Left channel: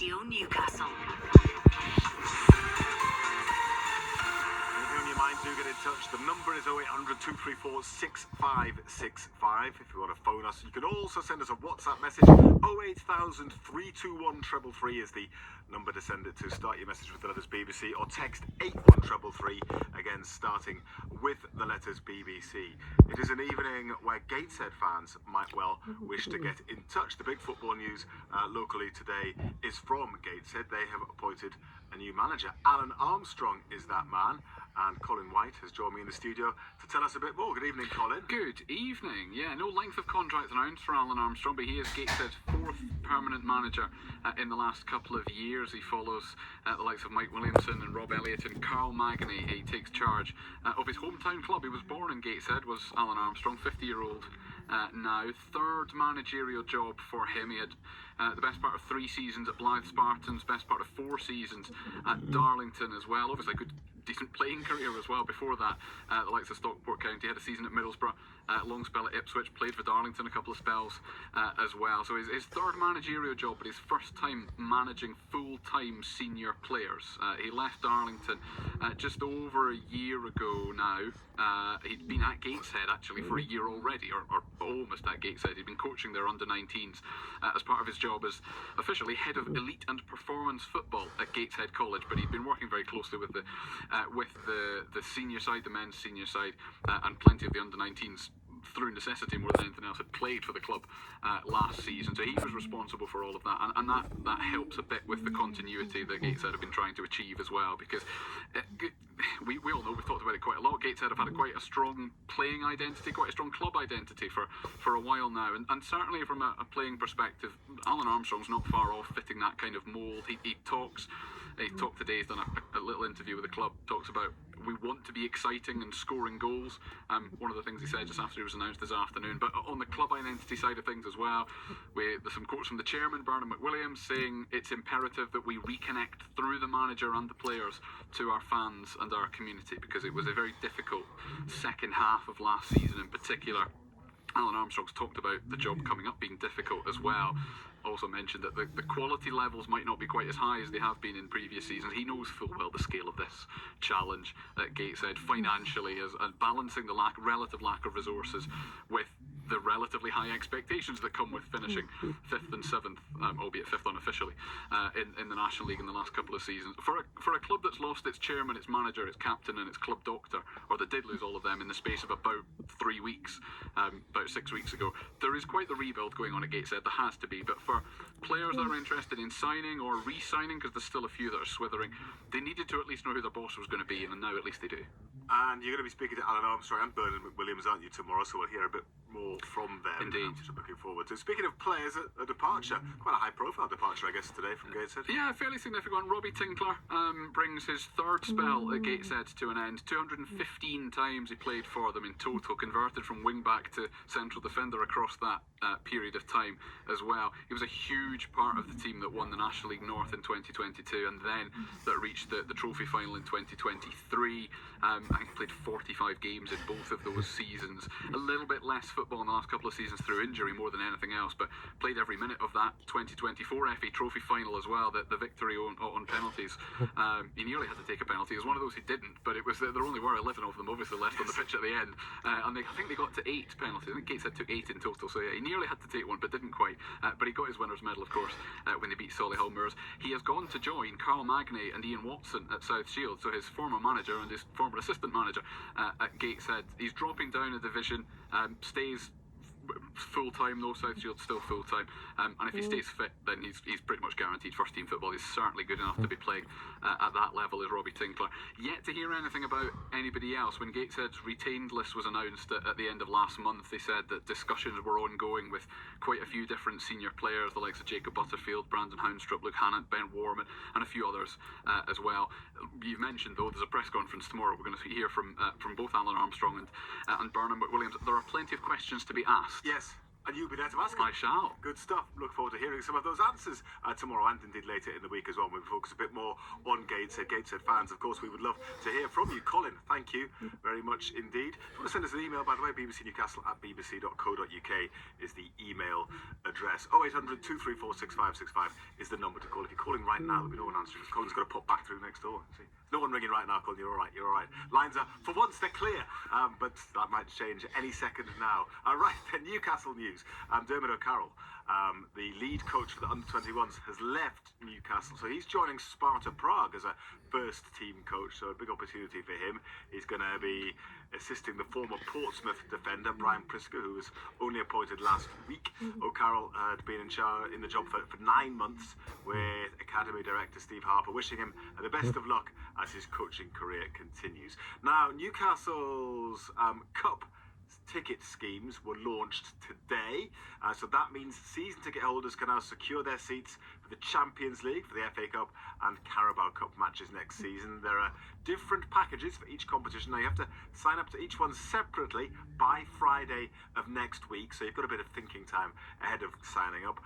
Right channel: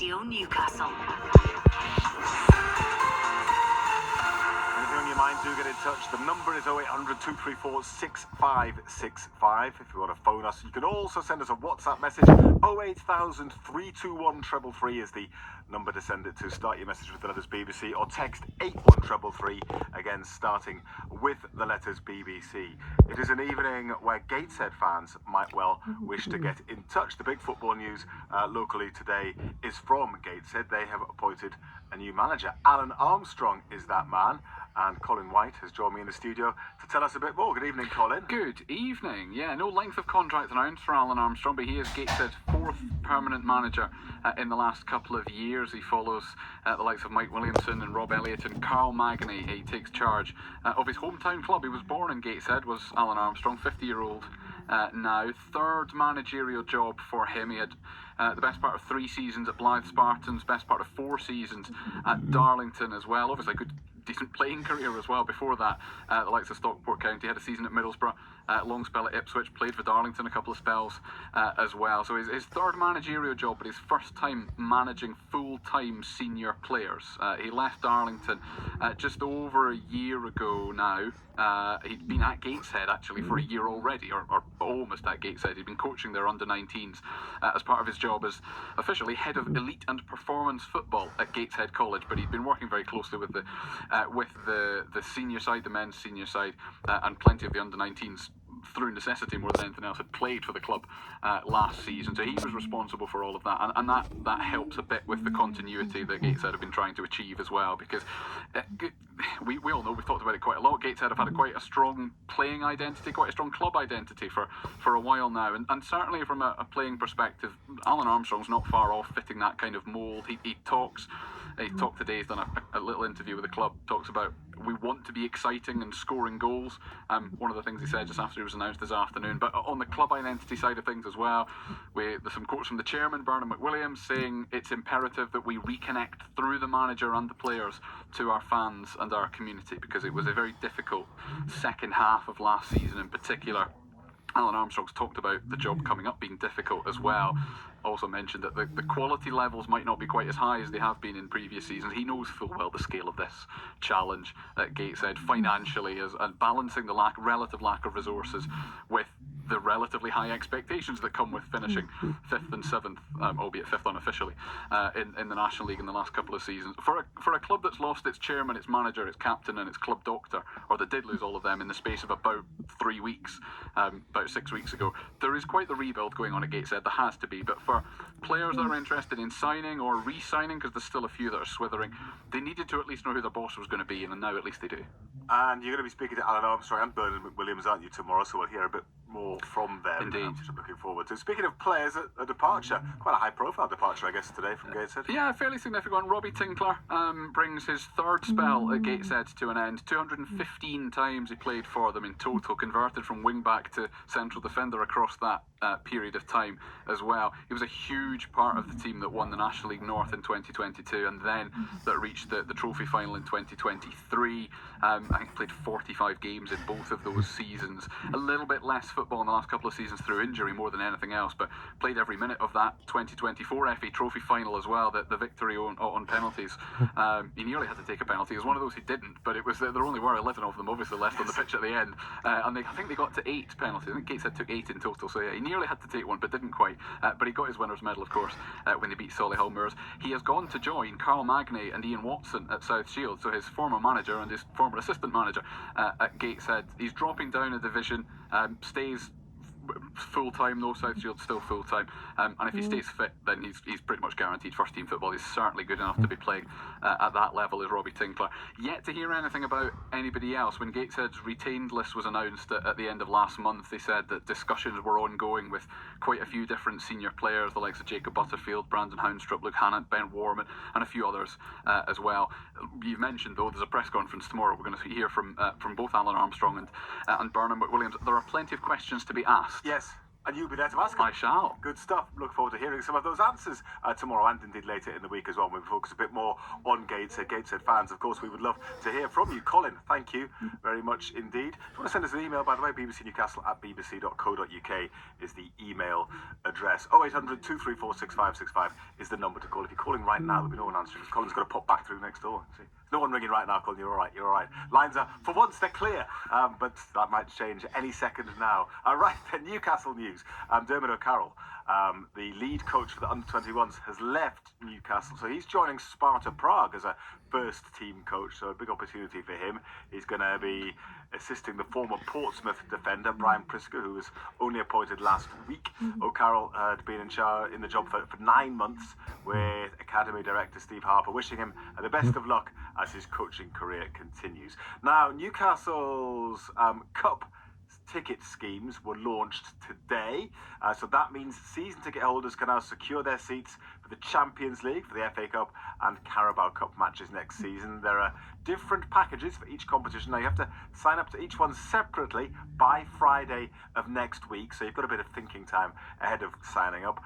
Radio Newcastle. Anything on your mind, do get in touch. The number is 0800 234 6565 if you want to phone us. You can also send us a WhatsApp message. 08000 321 333 is the number to send it to. Start your message with the letters BBC or text 81333, again starting with the letters BBC. It is an evening where Gateshead fans might well wish to get in touch. The big football news locally today is from Gateshead. They have appointed a new manager. Alan Armstrong is that man, and Colin White has joined me in the studio to tell us a bit more. Good evening, Colin. Good evening. Yeah, no length of contract announced for Alan Armstrong, but he is Gateshead's fourth permanent manager in the last couple of years. He follows the likes of Mike Williamson and Rob Elliott and Carl Magny. He takes charge of his hometown club. He was born in Gateshead, was Alan Armstrong, 50-year-old now. Third managerial job for him. He had the best part of 3 seasons at Blythe Spartans, best part of 4 seasons at Darlington as well. Obviously a good, decent playing career as well before that. The likes of Stockport County, had a season at Middlesbrough, long spell at Ipswich, played for Darlington a couple of spells as well. So his third managerial job, but his first time managing full-time senior players. He left Darlington just over a year ago now. He'd been at Gateshead actually for a year already, or almost at Gateshead. He'd been coaching their under-19s as part of his job as officially head of elite and performance football at Gateshead College, but he'd been working very closely with the senior side, the men's senior side, and plenty of the under-19s through necessity more than anything else had played for the club last season. So he was responsible for all of that, and that helps a bit with the continuity that Gateshead have been trying to achieve as well, because we all know, we've talked about it quite a lot, Gateshead have had quite a strong playing identity, quite a strong club identity for a while now, and certainly from a playing perspective, Alan Armstrong's not far off fitting that kind of mould. He talked today, he's done a little interview with the club, talks about we want to be exciting and scoring goals. One of the things he said just after he was announced this afternoon. But on the club identity side of things as well, there's some quotes from the chairman, Bernard McWilliams, saying it's imperative that we reconnect through the manager and the players to our fans and our community, because it was a very difficult second half of last season in particular. Alan Armstrong's talked about the job coming up being difficult as well. Also mentioned that the quality levels might not be quite as high as they have been in previous seasons. He knows full well the scale of this challenge at Gateshead financially, and balancing the relative lack of resources with the relatively high expectations that come with finishing 5th and 7th, albeit 5th unofficially, in the National League in the last couple of seasons. For a club that's lost its chairman, its manager, its captain and its club doctor, or that did lose all of them in the space of about 3 weeks, about 6 weeks ago, there is quite the rebuild going on at Gateshead. There has to be, but for players that are interested in signing or re-signing, because there's still a few that are swithering, they needed to at least know who their boss was going to be, and now at least they do. And you're going to be speaking to Alan Armstrong and Bernard McWilliams, aren't you, tomorrow? So we'll hear a bit more from them. Indeed. Which I'm looking forward to. Speaking of players, a departure, quite a high-profile departure, I guess, today from Gateshead. Yeah, fairly significant. Robbie Tinkler brings his third spell at Gateshead to an end. 215 times he played for them in total, converted from wing-back to central defender across that period of time as well. He was a huge part of the team that won the National League North in 2022, and then that reached the trophy final in 2023. I think he played 45 games in both of those seasons. A little bit less football in the last couple of seasons through injury more than anything else, but played every minute of that 2024 FA Trophy final as well, the victory on penalties. He nearly had to take a penalty. It was one of those he didn't, but it was there only were 11 of them obviously left on the pitch at the end, and I think they got to 8 penalties. I think Gateshead took 8 in total, so yeah, he nearly had to take one but didn't quite, but he got his winner's medal, of course, when they beat Solihull Moors. He has gone to join Carl Magny and Ian Watson at South Shield, so his former manager and his former assistant manager at Gateshead. He's dropping down a division, stays full-time though. South Shield's still full-time, and if he stays fit, then he's pretty much guaranteed first-team football. He's certainly good enough to be playing at that level as Robbie Tinkler. Yet to hear anything about anybody else. When Gateshead's retained list was announced at the end of last month, they said that discussions were ongoing with quite a few different senior players, the likes of Jacob Butterfield, Brandon Houndstrup, Luke Hannant, Ben Warman, and a few others as well. You've mentioned though there's a press conference tomorrow. We're going to hear from both Alan Armstrong and Bernard McWilliams. There are plenty of questions to be asked. Yes. And you'll be there to ask them. I shall. Good stuff. Look forward to hearing some of those answers tomorrow and indeed later in the week as well, when we focus a bit more on Gateshead fans. Of course, we would love to hear from you. Colin, thank you very much indeed. If you want to send us an email, by the way, bbcnewcastle@bbc.co.uk is the email address. 0800 234 6565 is the number to call. If you're calling right now, there'll be no one answering, because Colin's got to pop back through next door. See? There's no one ringing right now, Colin. You're all right. You're all right. Lines are, for once, they're clear, but that might change any second now. Right then, Newcastle news. Dermot O'Carroll, the lead coach for the under-21s, has left Newcastle, so he's joining Sparta Prague as a first-team coach. So a big opportunity for him. He's going to be assisting the former Portsmouth defender Brian Prisker, who was only appointed last week. O'Carroll had been in the job for 9 months, with Academy Director Steve Harper wishing him the best of luck as his coaching career continues. Now, Newcastle's Cup ticket schemes were launched today, so that means season ticket holders can now secure their seats for the Champions League, for the FA Cup and Carabao Cup matches next season. There are different packages for each competition. Now, you have to sign up to each one separately by Friday of next week, so you've got a bit of thinking time ahead of signing up.